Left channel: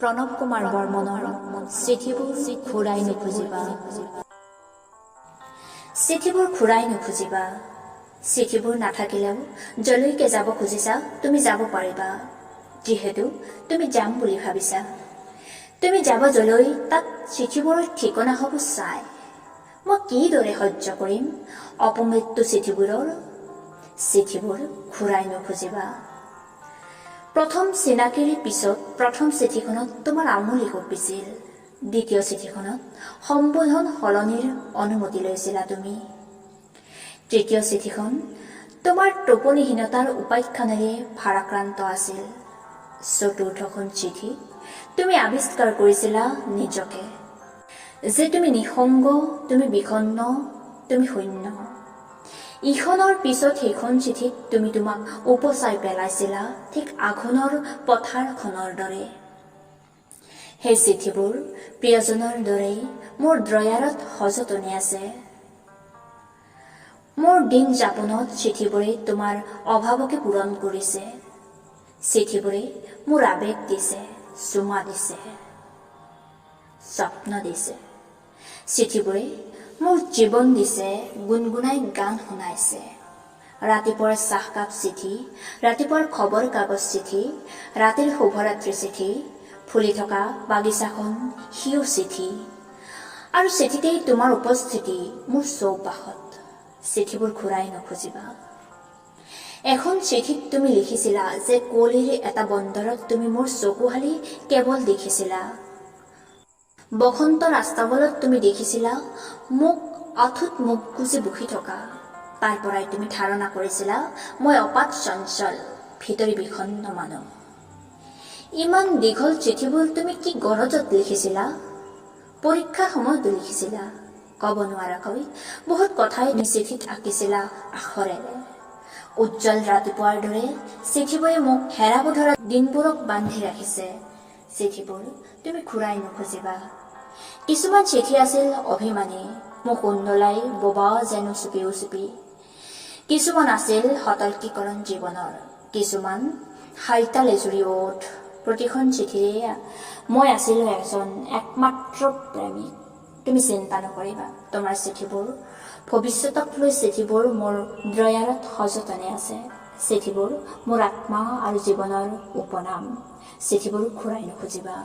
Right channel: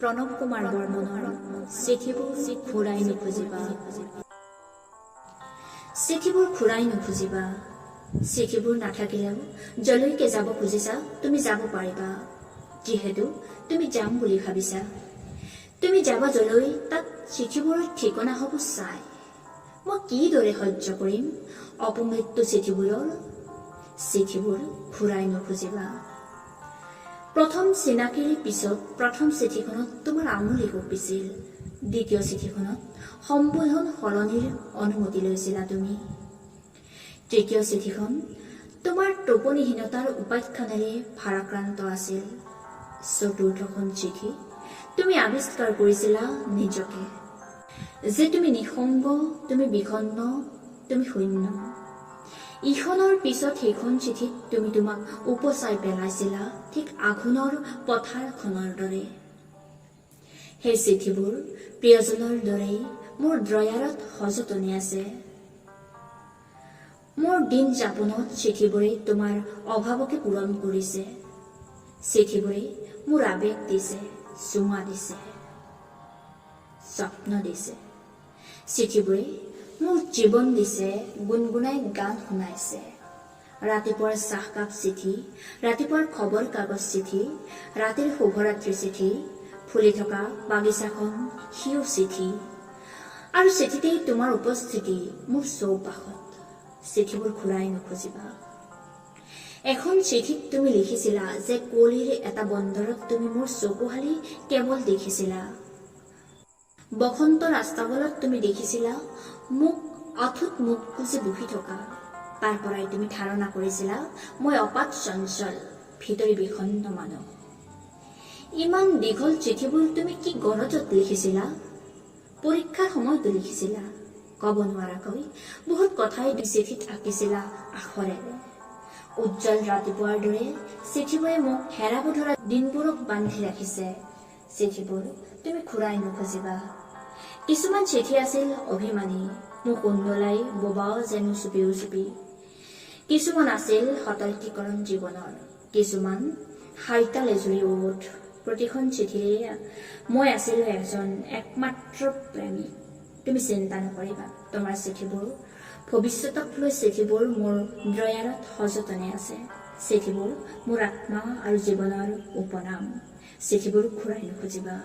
প্ৰণৱ কুমাৰ বৰ্মনৰ চিঠিবোৰ ঘূৰাই নুখুজিবা। চিঠিবোৰ ঘূৰাই নুখুজিবা। চিঠিবোৰ নাথাকিলেও যলৈকে যাব খুজিছা তুমি যাব পাৰিবা, যিহেতু তুমি যাম বুলি ভাবিছা। তুমি যাব যলৈ তাত চিঠিবোৰৰ ঠিকনা হ'ব চাই। মই কিদৰে সহ্য কৰিম অপমৃত্যু চিঠিবোৰৰ? চিঠিবোৰ ঘূৰাই নুখুজিবা। প্ৰথম চিনাকিৰ পিছত প্ৰথম চিঠিখনত তোমাৰ আঙুলি কঁপিছিল। দ্বিতীয় চিঠিখনত সম্বোধন সলনিৰ অনুমতি লৈছিলা তুমি। তৃতীয় চিঠিখন তোমাৰ টোপনিহীনতাৰ উপাখ্যানেৰে ভাৰাক্ৰান্ত আছিল। চতুৰ্থখন চিঠি তুমি আৱিষ্কাৰ কৰিছিলা নিজকে, যে তুমি নিসংগ, তুমি বিষণ্ণ, তুমি শূন্য। ইখনৰ পিছত সেইখন চিঠিত তুমি তোমাক উপচাই পেলাইছিলা, ঠিক আঘোণৰ পথাৰখনৰ দৰে। সেই চিঠিবোৰ প্ৰিয়জনৰ দৰেই মোৰ ড্ৰয়াৰত সযতনে আছে। মোৰ দিন যাপনত চিঠিবোৰে তোমাৰ অভাৱকে পূৰণ কৰিছে। চিঠিবোৰে মোৰ আৱেগ দিছে, চুমা দিছে, স্বপ্ন দিছে। চিঠিবোৰে মোৰ জীৱন দিছে, গুণগুণাই গান শুনাইছে। ৰাতিপুৱাৰ চাহকাপ চিঠি, ৰাতিপুৱাৰ খবৰ কাগজ চিঠি, ৰাতিৰ শুভৰাত্ৰি চিঠি, ফুলি থকা বাগিচাখন সিও চিঠি, আৰু চিঠিতেই তোমাৰ উপস্থিতি মোৰ চৌপাশত। চিঠিবোৰ ঘূৰাই নুখুজিবা। এখন চিঠিত তুমি লিখিছিলা যে কুঁৱলীৰ এটা বন্দৰত তুমি মোৰ চকুহালি কেৱল দেখিছিলা। বসন্ত ৰাস্তাৱলত তুমি দেখিছিলা মোক অথুত মুখ গুজি বহি থকা। তাৰ পৰাই তুমি ধাৰণা কৰিছিলা মই অপাত চঞ্চল, ভিতৰি বিষণ্ণ মানুহ। ইমান দীঘল চিঠিবোৰ তুমি কি গৰজত লিখিছিলা? পৰীক্ষাৰ সময়তো লিখিছিলা। ক'ব নোৱাৰাকৈ বহুত কথাই তুমি চিঠিত আঁকিছিলা আখৰেৰে। উজ্জ্বল ৰাতিপুৱাৰ দৰে চিঠিবোৰে মোক হেৰাব ধৰা দিনবোৰক বান্ধি ৰাখিছে। চিঠিবোৰ তুমি ঘূৰাই নুখুজিবা। কিছুমান চিঠি আছিল অভিমানী, মোক উন্দলাই বোবা যেনো চুপি চুপি। কিছুমান আছিল সতৰ্কীকৰণ জীৱনৰ, কিছুমান হাইতাল এজুৰি ওঠ। প্ৰতিখন চিঠিৰে মই আছিলো এজন একমাত্ৰ প্ৰেমিক। তুমি চিন্তা নকৰিবা, তোমাৰ চিঠিবোৰ, ভৱিষ্যতক লৈ চিঠিবোৰ মোৰ ড্ৰয়াৰত সযতনে আছে। চিঠিবোৰ মোৰ আত্মা আৰু জীৱনৰ উপনাম। চিঠিবোৰ ঘূৰাই নুখুজিবা।